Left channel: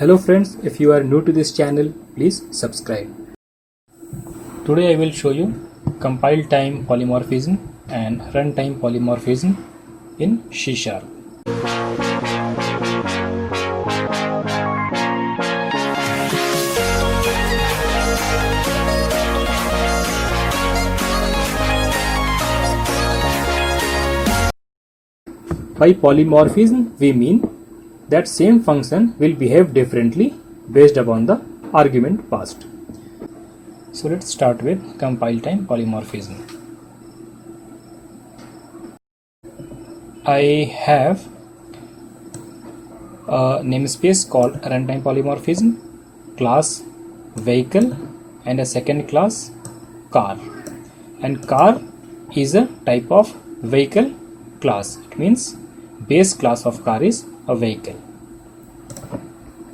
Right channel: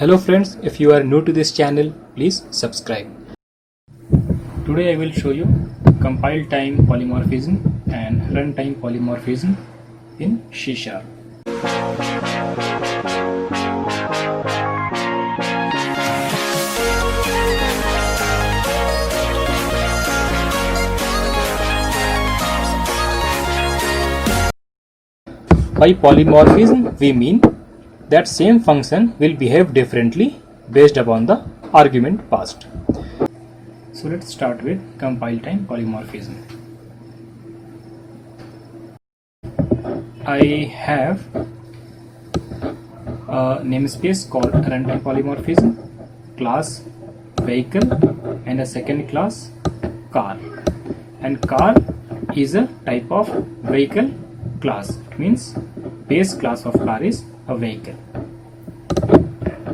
Hello friends, if you are new to this channel, please subscribe. Today I will show you compile time polymorphism and runtime polymorphism in C#. By polymorphism we mean that same function will behave differently based upon the argument passed. So let's start with compile time polymorphism. I have a namespace called runtime polymorphism, class vehicle, and a second class car. And car is a type of vehicle class. It means base class of car is a vehicle.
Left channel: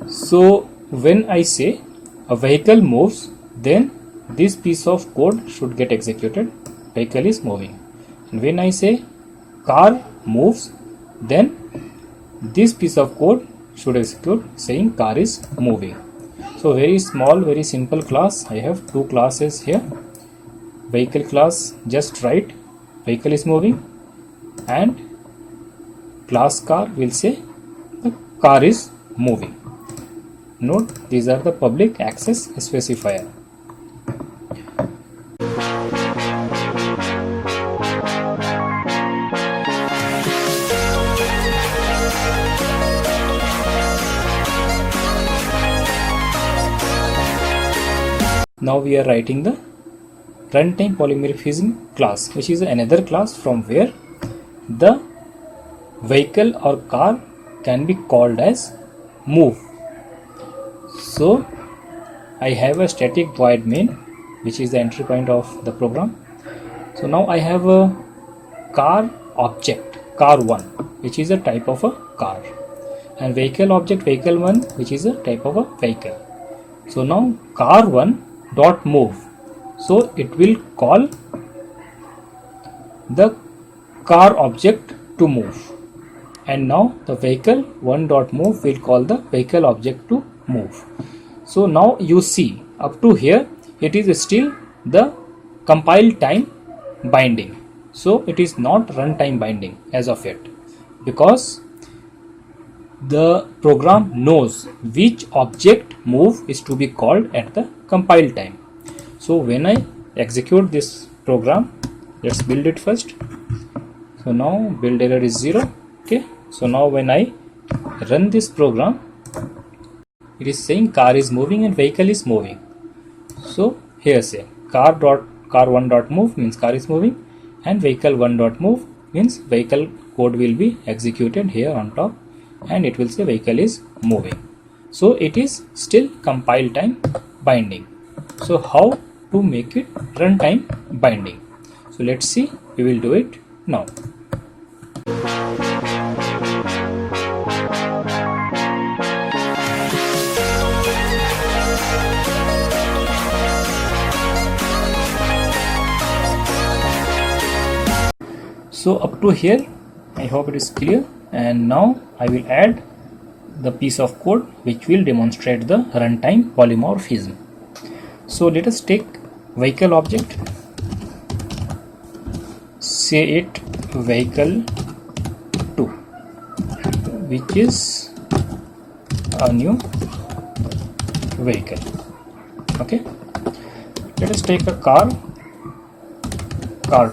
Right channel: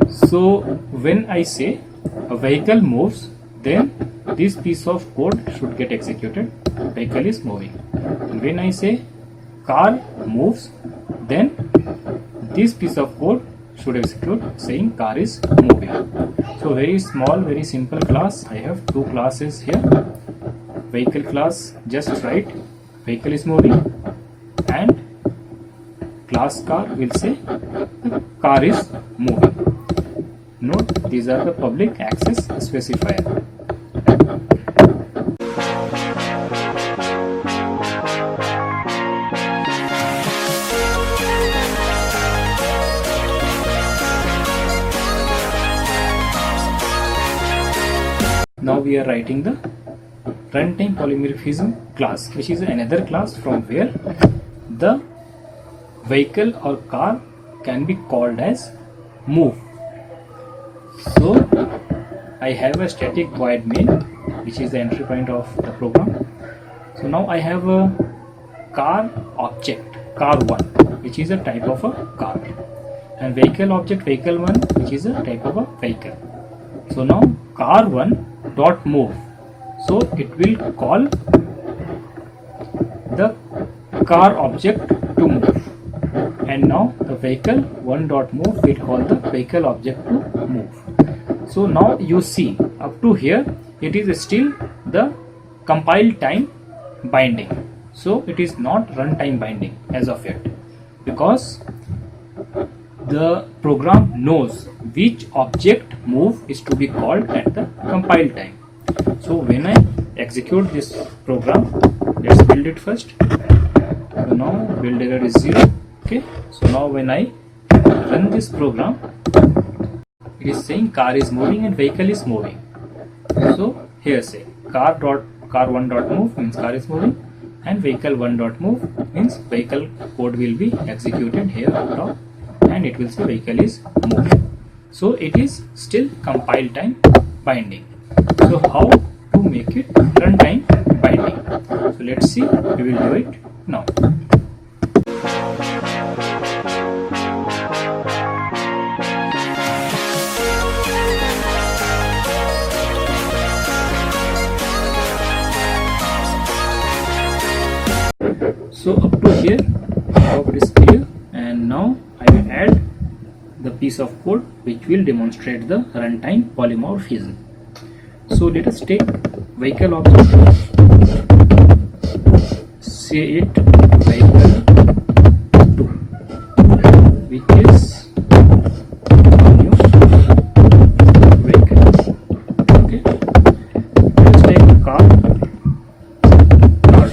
So when I say a vehicle moves, then this piece of code should get executed. Vehicle is moving. And when I say car moves, then this piece of code should execute saying car is moving. So very small, very simple class. I have two classes here. Vehicle class, just write vehicle is moving, and class car will say the car is moving. Note, these are the public access specifier. Now we are writing the runtime polymorphism class, which is another class from where the vehicle or car can be called as move. So I have a static void main, which is the entry point of the program. So now I have a car object, car1, which is a type of a car, and vehicle object, vehicle1, which is a type of a vehicle. So now car1 dot move, so it will call the car object to move, and now the vehicle 1 dot move will call the vehicle object to move. So now you see up to here it is still the compile time binding, so it is not runtime binding as of yet, because the program knows which object move is to be called at the compile time. So when I execute this program, let's build it first. So now build error is 0. Okay, so now when I run this program, it is saying car is moving and vehicle is moving. So here say car1 dot move means car is moving, and vehicle 1 dot move means vehicle code will be executed here on top, and it will say vehicle is moving. So it is still compile time binding. So how to make it runtime binding? So let's see, we will do it now. So up to here, I hope it is clear, and now I will add the piece of code which will demonstrate the runtime polymorphism. So let us take vehicle object, say it vehicle 2, which is a new vehicle. Okay, let's take a car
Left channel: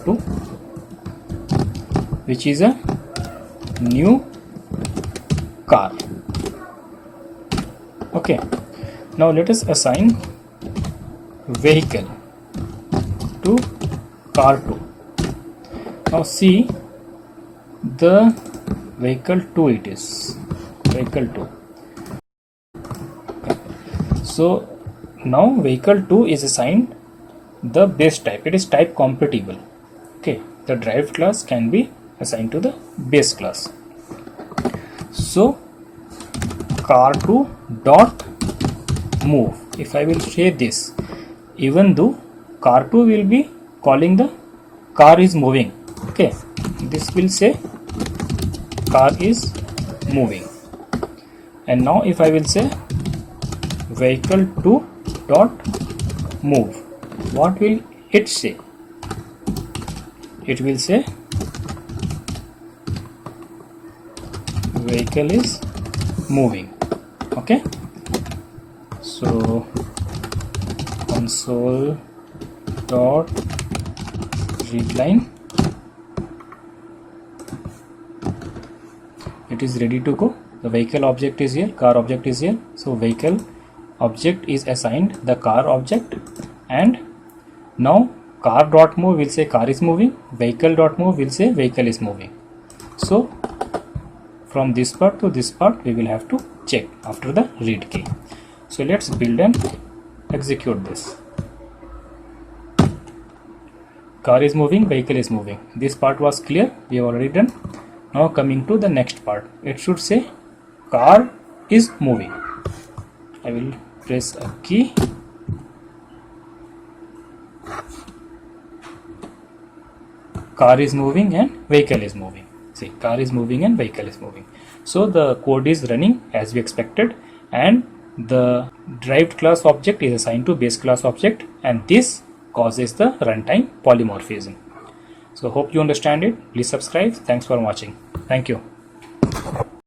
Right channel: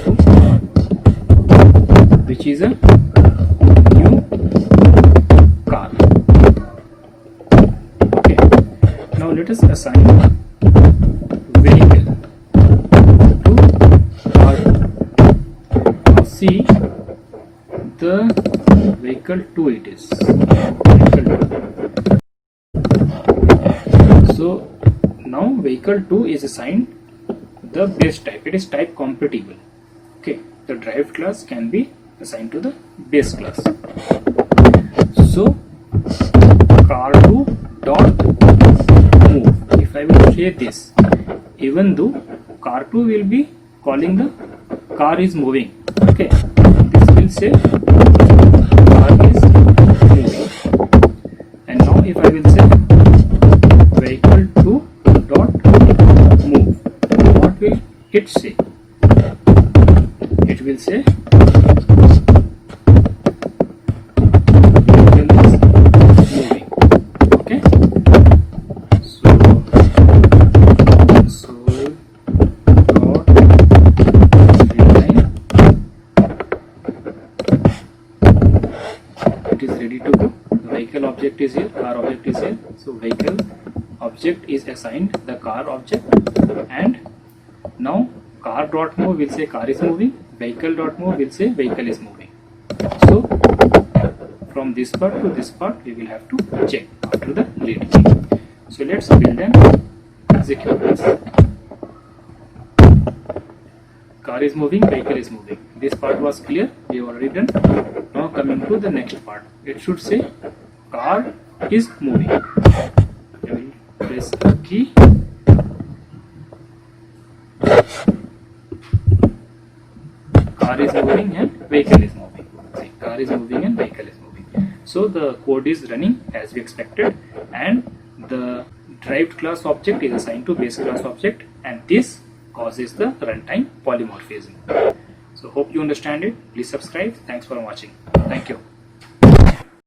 2, which is a new car. Okay, now let us assign vehicle to car 2. Now see, the vehicle 2 it is vehicle 2. So now vehicle 2 is assigned the base type. It is type compatible. Okay, the derived class can be assigned to the base class. So car2 dot move, if I will say this, even though car2 will be calling the car is moving, okay, this will say car is moving, And now if I will say vehicle 2 dot move, what will it say? It will say vehicle is moving. Okay, so console dot readline, it is ready to go. The vehicle object is here, car object is here, so vehicle object is assigned the car object, and now car dot move will say car is moving, vehicle dot move will say vehicle is moving. So from this part to this part we will have to check after the read key. So let's build and execute this. Car is moving, vehicle is moving. This part was clear, we have already done. Now coming to the next part, it should say car is moving. I will press a key. Car is moving and vehicle is moving. See, car is moving and vehicle is moving. So the code is running as we expected, and the derived class object is assigned to base class object, and this causes the runtime polymorphism. So hope you understand it. Please subscribe. Thanks for watching. Thank you.